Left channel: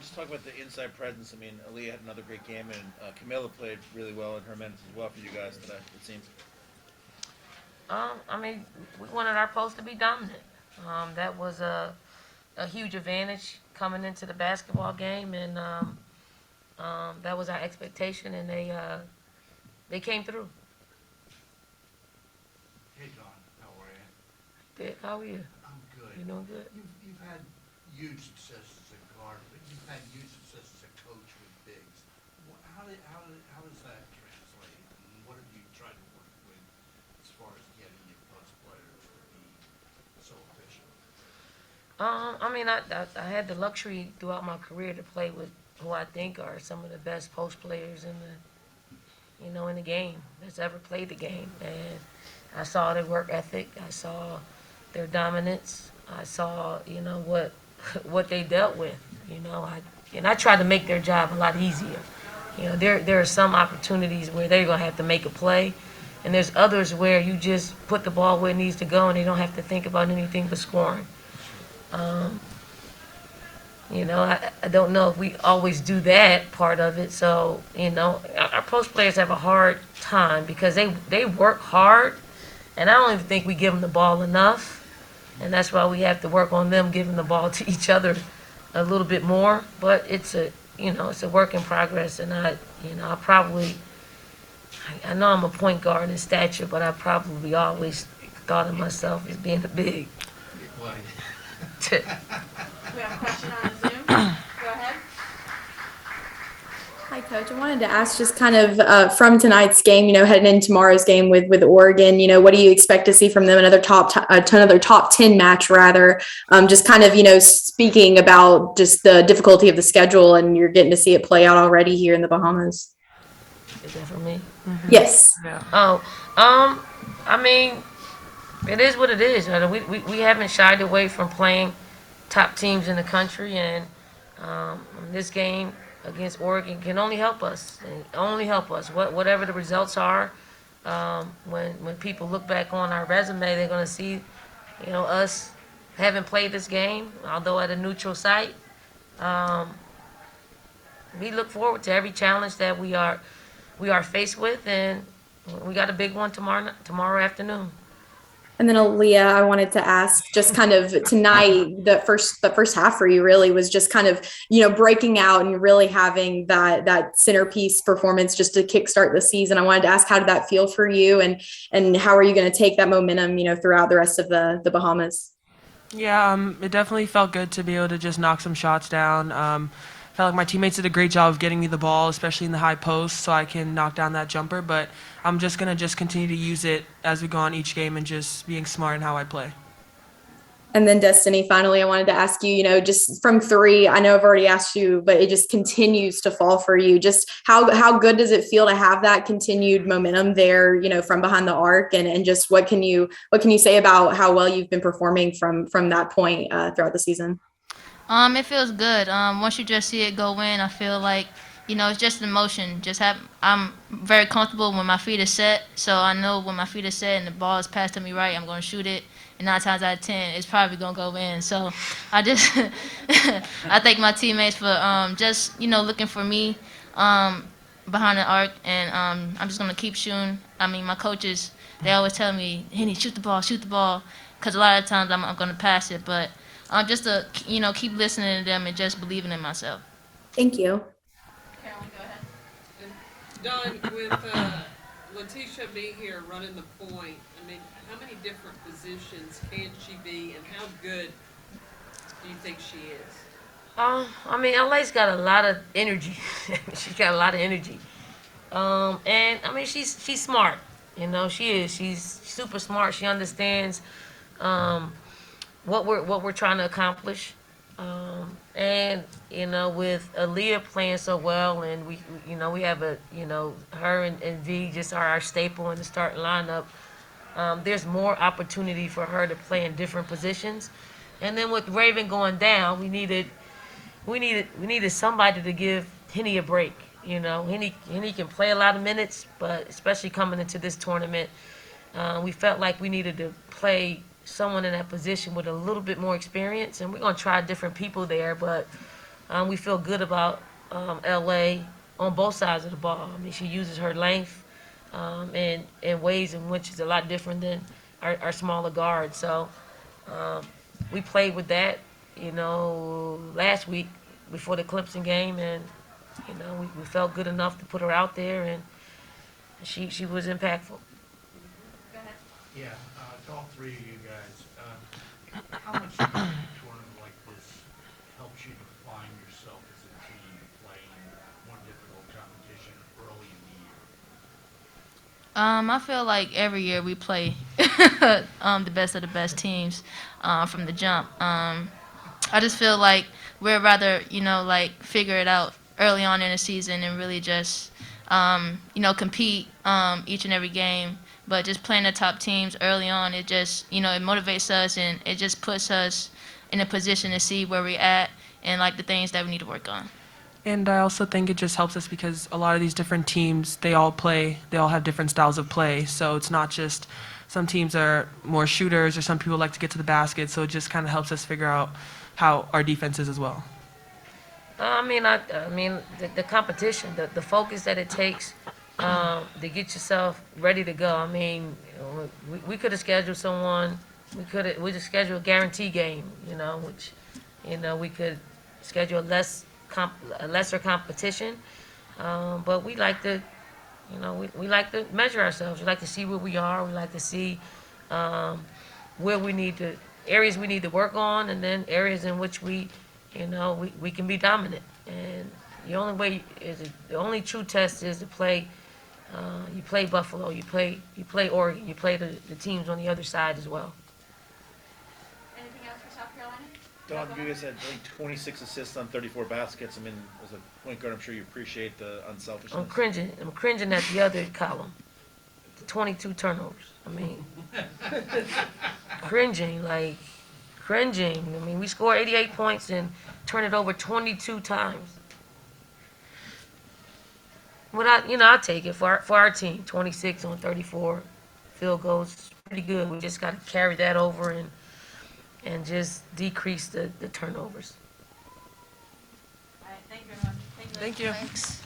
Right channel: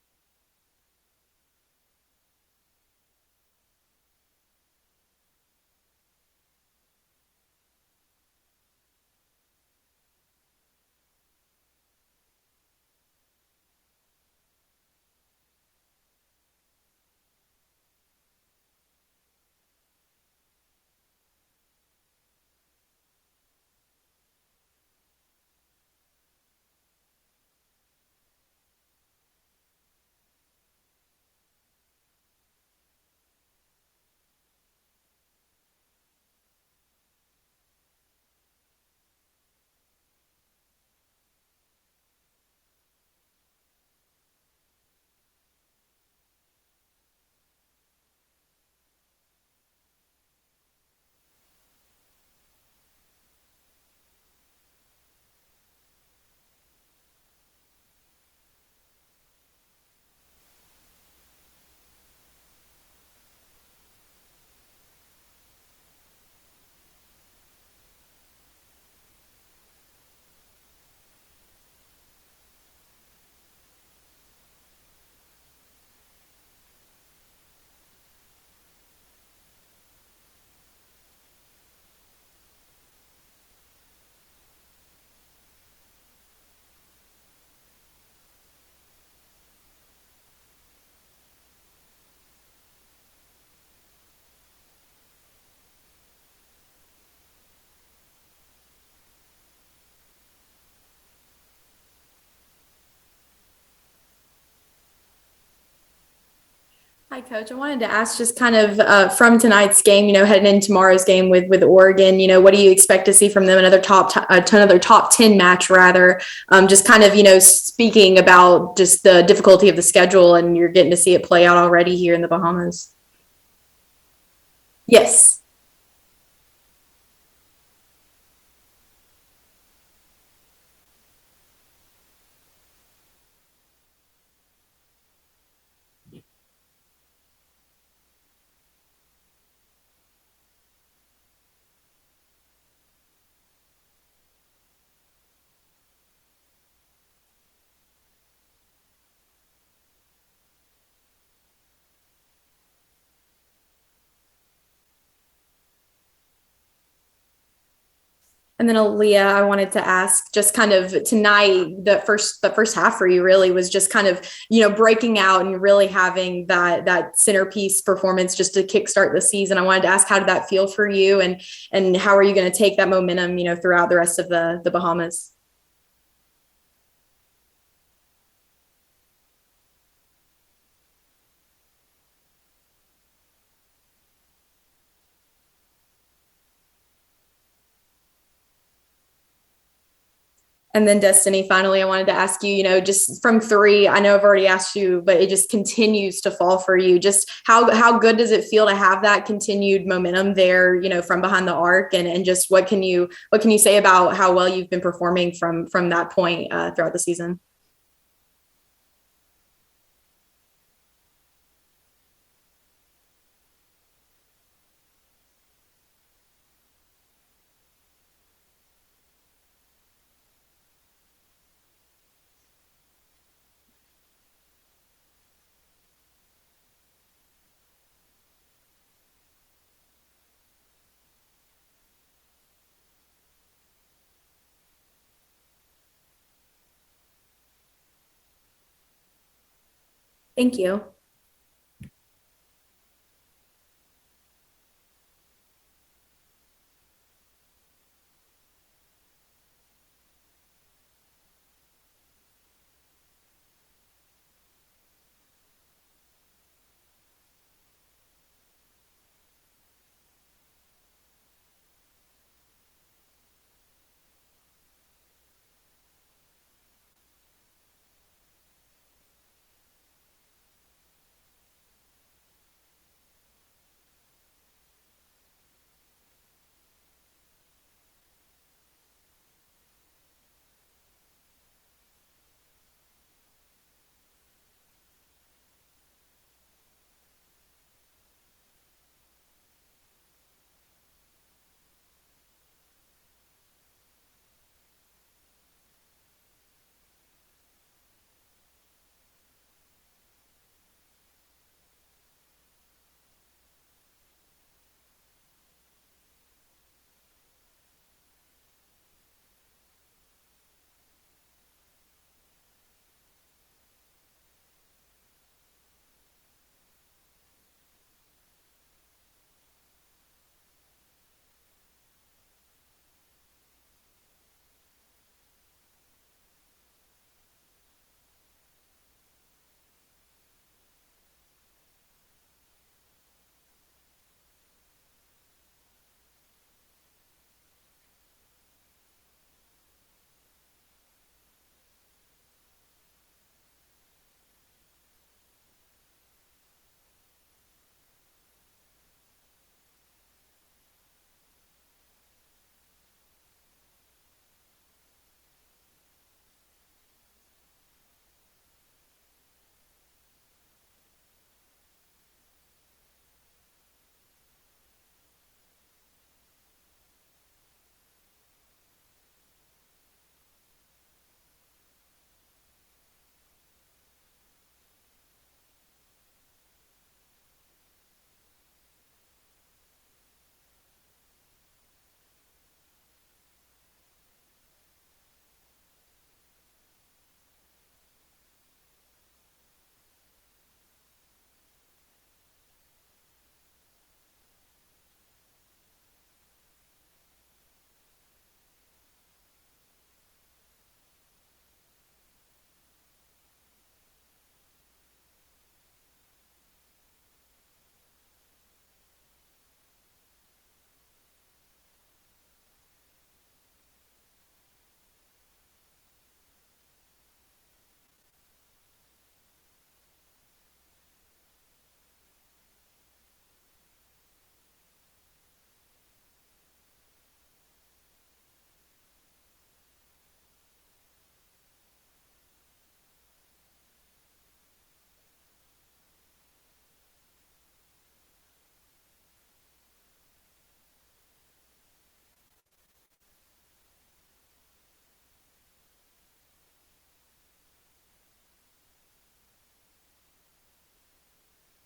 just talk about the inside presence. I mean, Aliyah had another great game, and Camilla played really well in her minutes as well for you guys today. It seems. I mean, we wanted our post to be dominant. That was a huge advantage coming into the basketball game, and that was our expectation, and they came through. Hey Don, how are you? Dick, how are you? I'm good. You doing good? You've had huge success as a guard, but you've had huge success as a coach with bigs. How does that translate? And what have you tried to work with as far as getting your post players to be so efficient? I mean, I had the luxury throughout my career to play with who I think are some of the best post players in the game that's ever played the game, and I saw their work ethic. I saw their dominance. I saw, what they dealt with. I tried to make their job a lot easier. There are some opportunities where they're gonna have to make a play, and there's others where you just put the ball where it needs to go, and they don't have to think about anything but scoring. Um, I don't know if we always do that part of it. So, our post players have a hard time because they work hard, and I don't even think we give them the ball enough. And that's why we have to work on them giving the ball to each other a little bit more. But it's a work in progress, and I probably, I know I'm a point guard in stature, but I probably always thought of myself as being a big. Well, We have a question on Zoom. Go ahead. Hi, Coach. I wanted to ask just kind of from tonight's game, heading into tomorrow's game with Oregon, what do you expect to see from them? Another top 10 match, rather. Just kind of, speaking about just the difficulty of the schedule, and you're getting to see it play out already here in the Bahamas. Is that for me? Yes. Yeah. Oh, I mean, it is what it is. We haven't shied away from playing top teams in the country, and this game against Oregon can only help us. Only help us. Whatever the results are, when people look back on our resume, they're going to see, us having played this game, although at a neutral site. Um, we look forward to every challenge that we are faced with, and we got a big one tomorrow afternoon. And then Aliyah, I wanted to ask just kind of tonight, the first half for you really was just kind of, breaking out and really having that centerpiece performance just to kickstart the season. I wanted to ask, how did that feel for you, and how are you going to take that momentum, throughout the rest of the Bahamas? Yeah, it definitely felt good to be able to just knock some shots down. Felt like my teammates did a great job of getting me the ball, especially in the high post, so I can knock down that jumper. But I'm just gonna just continue to use it as we go on each game and just being smart in how I play. And then Destanni, finally, I wanted to ask you, just from three, I know I've already asked you, but it just continues to fall for you. Just how good does it feel to have that continued momentum there, from behind the arc, and just what can you say about how well you've been performing from that point throughout the season? It feels good. Once you just see it go in, I feel like, it's just emotion. I'm very comfortable when my feet are set, so I know when my feet are set and the ball is passed to me right, I'm gonna shoot it. And 9 times out of 10, it's probably gonna go in. So I just, I thank my teammates for just looking for me um, behind the arc, and I'm just gonna keep shooting. I mean, my coaches, they always tell me, Henny, shoot the ball, because a lot of times I'm gonna pass it, but just to keep listening to them and just believing in myself. Thank you. Carolyn, go ahead. And Don, with Letitia being here running the point, I mean, how many different positions can she be, and how good do you think she is? I mean, LA's got a lot of energy. She's got a lot of energy. And I mean, she's smart. She is. She's super smart. She understands um, what we're trying to accomplish. And with Aliyah playing so well, and we have her and V just are our staple in the starting lineup. There's more opportunity for her to play in different positions. And then with Raven going down, we needed somebody to give Henny a break. Henny can play a lot of minutes, but especially coming into this tournament, we felt like we needed to play someone in that position with a little bit more experience, and we're gonna try different people there. But We feel good about LA on both sides of the ball. I mean, she uses her length in ways in which is a lot different than our smaller guards. So we played with that, last week before the Clemson game, and we felt good enough to put her out there, and she was impactful. Yeah, to all three of you guys, how much does a tournament like this helps you define yourself as a team playing more difficult competition early in the year? I feel like every year we play the best of the best teams from the jump. I just feel like we'd rather, like figure it out early on in the season and really just, compete each and every game. But just playing the top teams early on, it just, it motivates us and it just puts us in a position to see where we're at and like the things that we need to work on. And I also think it just helps us because a lot of these different teams, they all have different styles of play. So it's not just some teams are more shooters or some people like to get to the basket. So it just kind of helps us figure out how our defense is as well. The competition, the focus that it takes to get yourself ready to go. I mean, we could have scheduled someone. We just schedule a guarantee game. Which, we could schedule a lesser competition. But we like to, we like to measure ourselves. We like to see where we are. We like to see where areas we need to work on, and then areas in which we can be dominant. And the only true test is to play. You play Buffalo. You play Oregon. You play the teams on the other side as well. Anything else for South Carolina? Don, you guys had, I think, 26 assists on 34 baskets. I mean, as a point guard, I'm sure you appreciate the unselfishness. I'm cringing at the other column. The 22 turnovers. I mean, cringing. I mean, we score 88 points and turn it over 22 times. But I'll take it for our team. 26 on 34 field goals, pretty good. We just got to carry that over and just decrease the turnovers. All right, thank you very much. Thank you. Thanks.